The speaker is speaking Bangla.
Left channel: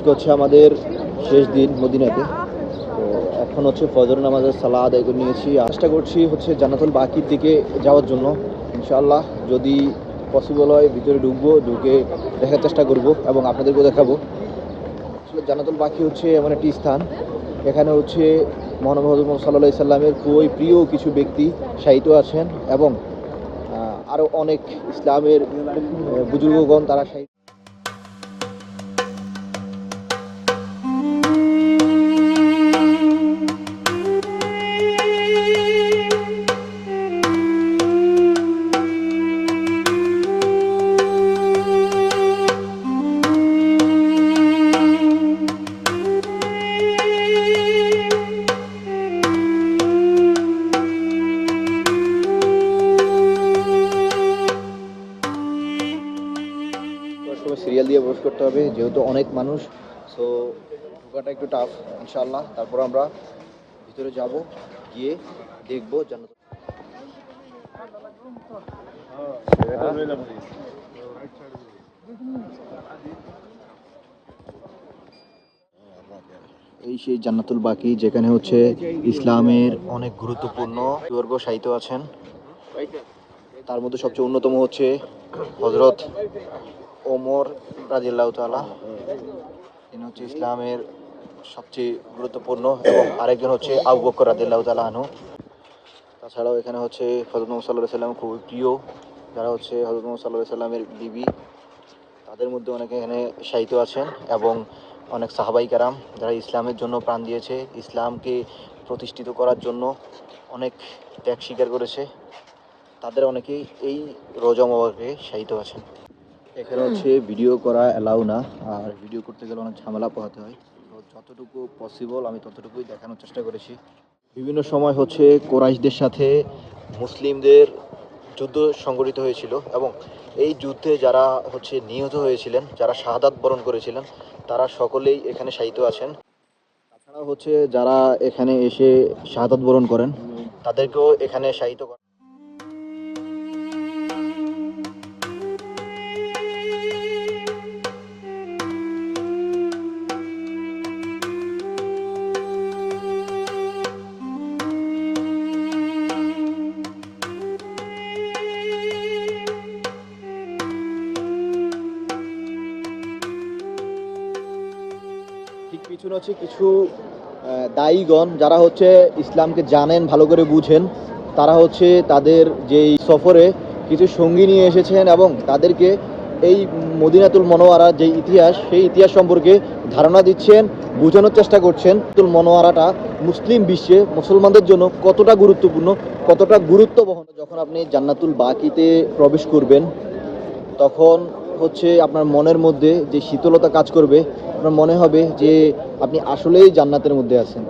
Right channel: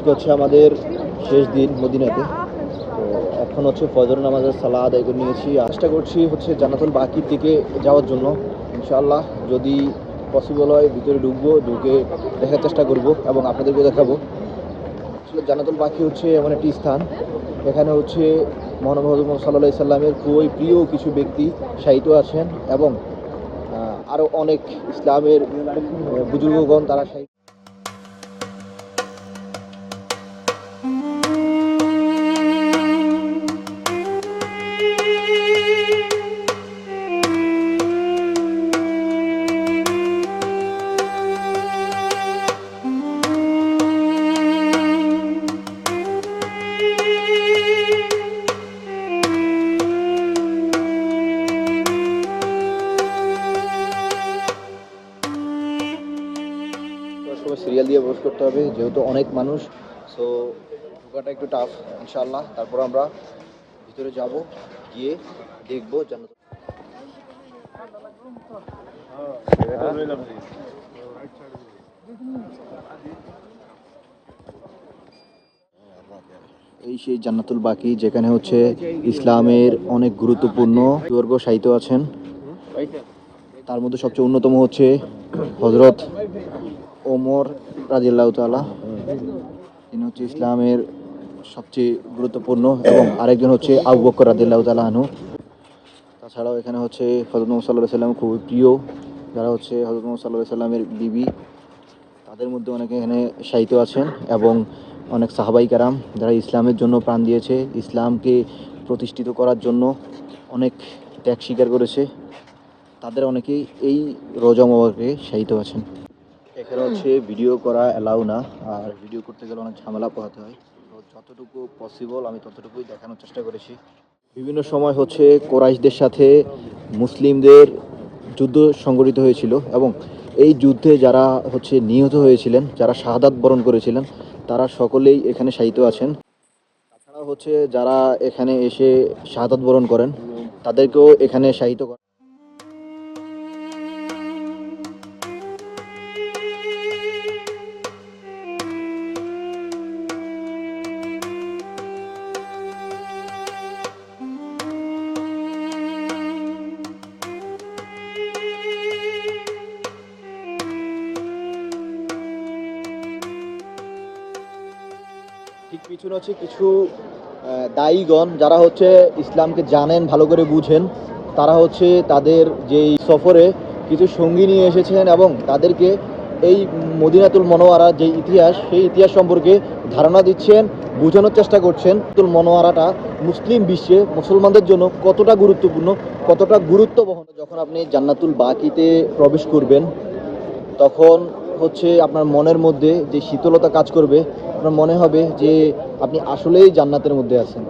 আজকে হচ্ছে আমাদের শেষ দিন মদিনাতে। এখন হচ্ছে ফজর নামাজের সালাদ আদায় করে নিয়েছি। চেষ্টা করছি হচ্ছে জান্নাতুল বাকির দিকে যাওয়ার জন্য। ইনশাআল্লাহ যদি পসিবল হয় ভিতরে ঢুকবো, ঢুকে দেখার চেষ্টা করব এবং আপনাদেরকেও দেখাবো। আসলে জান্নাতুল বাকি হচ্ছে এমন একটি স্থান। এখানে হচ্ছে মহানবী সাল্লাহ সাল্লামের খুবই প্রিয় কিছু ব্যক্তি সাহিত্য আছেন এবং আরও অনেক ইসলামের বুজুর্গগণ তারা সাহিত্য সবাই সিরিয়াল দিয়ে প্রবেশ করতে হবে, যেহেতু অনেক মানুষ সো ঢোকাটা একটু টাফ ইনশাআল্লাহ। তারপর আমরা ভিতরে যাব, গিয়ে দেখব এই সেই জান্নাতুল বাকি, যেখানে হচ্ছে ইসলামের অনেক গুরুত্বপূর্ণ দুর্গ সাহিত্য আছেন। তার মধ্যে সবচেয়ে অন্যতম হচ্ছে হজরত ওমর রাজিল্লাহ তালা তিনি হচ্ছে ইসলামের সবচেয়ে গুরুত্বপূর্ণ এবং আরেকজন হচ্ছে আবু বকর রাজিল্লাহ তালা তাছাড়াও এখানে হচ্ছে হজরত মোহাম্মদ সাল্লাহ সাল্লাম খুবই প্রিয়, যারা হচ্ছে হজরত মোহাম্মদ সাল্লাহ সাল্লামের বিবি। তাদের মধ্যে অনেকে এখানে সাহিত্য আছেন এবং অনেক সাহাবাই কারাম যারা ইসলামের জন্য প্রাণ দিয়েছে, ইসলামকে প্রতিষ্ঠিত করার জন্য অনেক ত্যাগ স্বীকার করেছে। তাদের অনেকেই এই রোজা মোবারকে শায়িত আছেন। এখানে হচ্ছে ভিডিও করা অ্যালাউ না, আর ভিডিও করতে গেলে অনেক ঝামেলা পোহাতে হয়। যতটুকু পসিবল আমি ততটুকুই দেখানোর চেষ্টা করেছি। বিভিন্ন সময় হচ্ছে কোরাইশদের সাথে মুসলিমদের যুদ্ধ সংগঠিত হয়েছিল এবং এই যুদ্ধে যারা হচ্ছে নিহত হয়েছিলেন, যারা শাহাদাত বরণ করেছিলেন, তারা সকলেই এখানে শায়িত আছেন। তাছাড়া হচ্ছে যারা এখানে এসে শাহাদাত বরণ করেন, তাদেরকেও এখানে শায়িত ঠিক পিছনে হচ্ছে কিছু দায়ীগণ যারা হচ্ছে ইসলামকে জানেন, ভালো করে বুঝেন, তারা হচ্ছে তাদের যেই সফরে কিছু সঙ্গী নিয়ে এসেছেন এবং তাদেরকে এই মদিনাতুল মনোয়ারা যে ইতিহাস, সেই ইতিহাস সম্পর্কে ধারণা দিচ্ছেন, বোঝানোর চেষ্টা করছেন তুল মনোয়ারাটা মুসলিম বিশ্বে মুসলমানদের জন্য কতটা গুরুত্বপূর্ণ, কতটা গুরুত্ব বহন যখন আপনি জান্নাতুল বাকিতে প্রবেশ করবেন, তখন হচ্ছে আপনার মনের মধ্যে যে শীতলতা কাজ করবে, আপনার মনে হবে যে আপনি আসলেই জান্নাতের মধ্যে আছেন।